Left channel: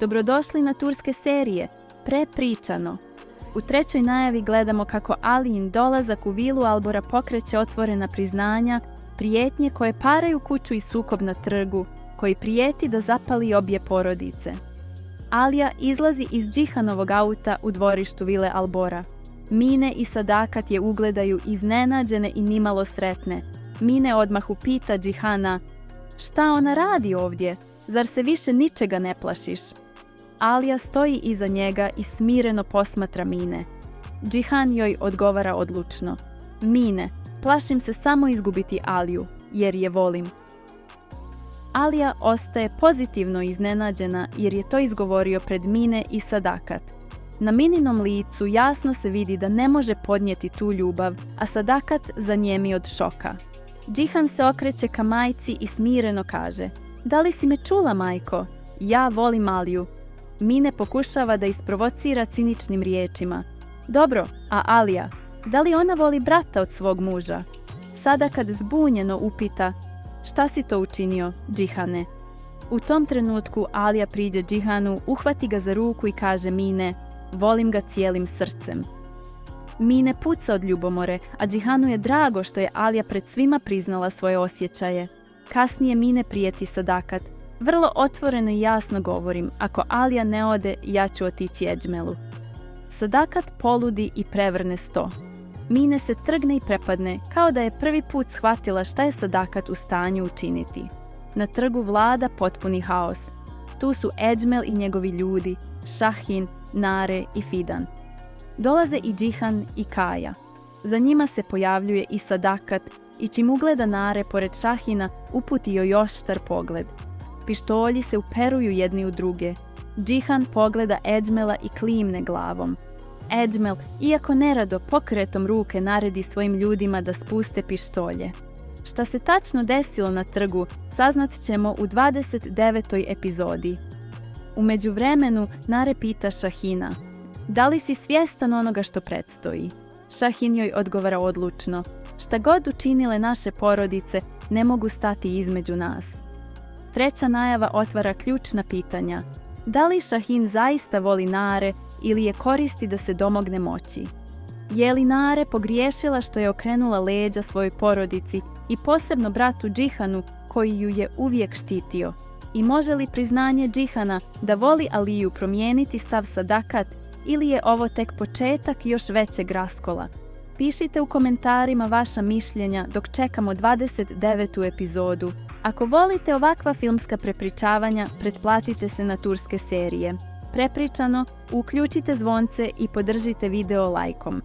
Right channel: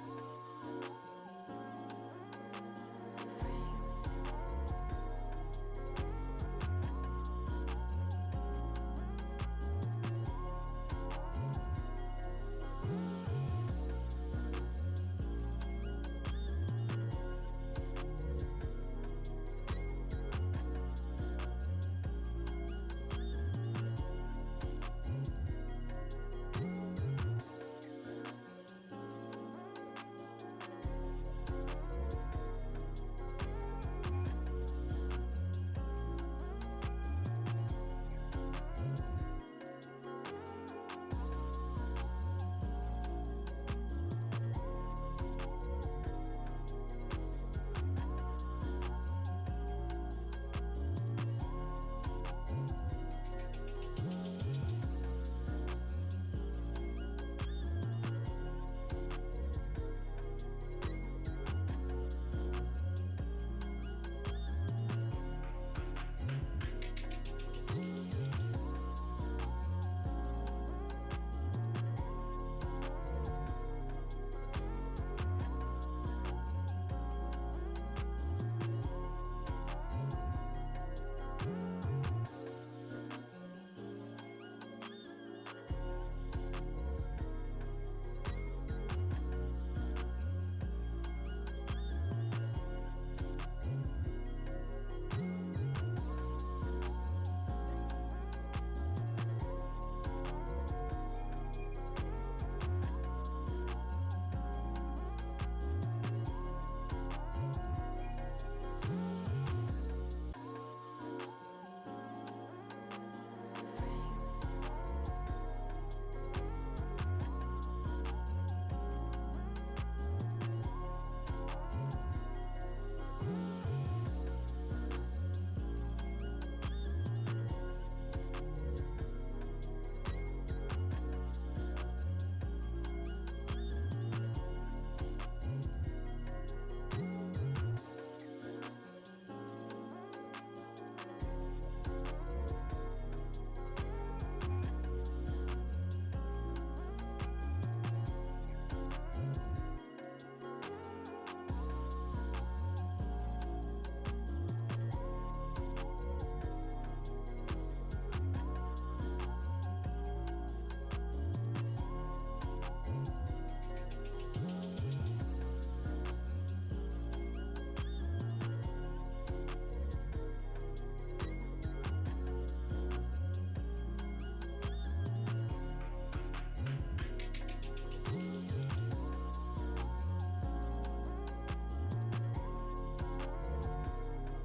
Dobrodošli na turske serije, Prepričano. U trećoj najavi gledamo kako Alijin dolazak u vilu Albora pokreće otvorena priznanja, prijetnje koje paraju kuću i sukob na trgu, koji prijeti da zapali obje porodice. Alija izlazi iz Džihanovog auta u dvorištu vile Albora. Mine i Sadakat je ugledaju iznenađene i nimalo sretne. Mine odmah upita Džihana: "Šta ona radi ovdje? Zar se više ničega ne plašiš?" Alija stoji iza njega i smireno posmatra Mine. Džihan joj odgovara odlučno: "Mine, plašim se samo izgubiti Aliju, jer je volim." Alija ostaje pozitivno iznenađena jer je to izgovorio pred Mine i Sadakat. Na Mininom licu jasno se vidi da ne može podnijeti tu ljubav, a Sadakat zanijemi od šoka. Džihan se okreće ka majci i smireno kaže: "Da li si me čula, majko? Ja volim Aliju." Mine pokušava da isprovocira ciničnim riječima: "Dobro, a Alija? Da li ona voli brata od svog muža?" Sadakat zbunjeno upita: "Šta si to učinio, Džihane?" U tom trenutku Alija priđe Džihanu, uhvati ga za ruku i kaže Mine: "Volim ga cijelim srcem." Mine puca od ljubomore, a Džihanu je drago što je Alija pred svima priznala svoje osjećaje. Kasnije Mine prijeti Sadakat: "Vrlo otvoreno i jasno govorim, ako Alija ne ode, ja ću otići Edžmelu." Sadakat poludi i prevrne sto. Mine se trgne i prepadne, kao da je prvi put shvatila šta je Sadakat u stanju učiniti. Na trgu vlada potpuni haos. Tu su Edžmel i njegovi ljudi, Šahin, Nare i Fidan. Dolaze i Džihan i Kaja. Za njima se pojavljuje i Sadakat i čim ugleda Nare pored Šahina, uputi joj oštar pogled. Pištolji se uperuju jedni u druge. Džihan pogleda Edžmela i klimne glavom. Edžmel, iako nerado, pokretom ruke naredi svojim ljudima da spuste pištolje. Šta se tačno desilo na trgu, saznat ćemo u 29. epizodi. U međuvremenu Nare pita Šahina: "Da li si svjestan onoga što predstoji?" Šahin joj odgovara odlučno: "Šta god učinile naše porodice, ne mogu stati između nas." Treća najava otvara ključna pitanja. Da li Šahin zaista voli Nare ili je koristi da se domogne moći? Je li Nare pogriješila što je okrenula leđa svojoj porodici i posebno bratu Džihanu koji ju je uvijek štitio? I može li priznanje Džihana da voli Aliju promijeniti stav Sadakat ili je ovo tek početak još većeg raskola? Pišite u komentarima vaša mišljenja dok čekamo 29. epizodu. Ako volite ovakva filmska prepričavanja, pretplatite se na turske serije. Prepričano, uključite zvonce i podržite video lajkom.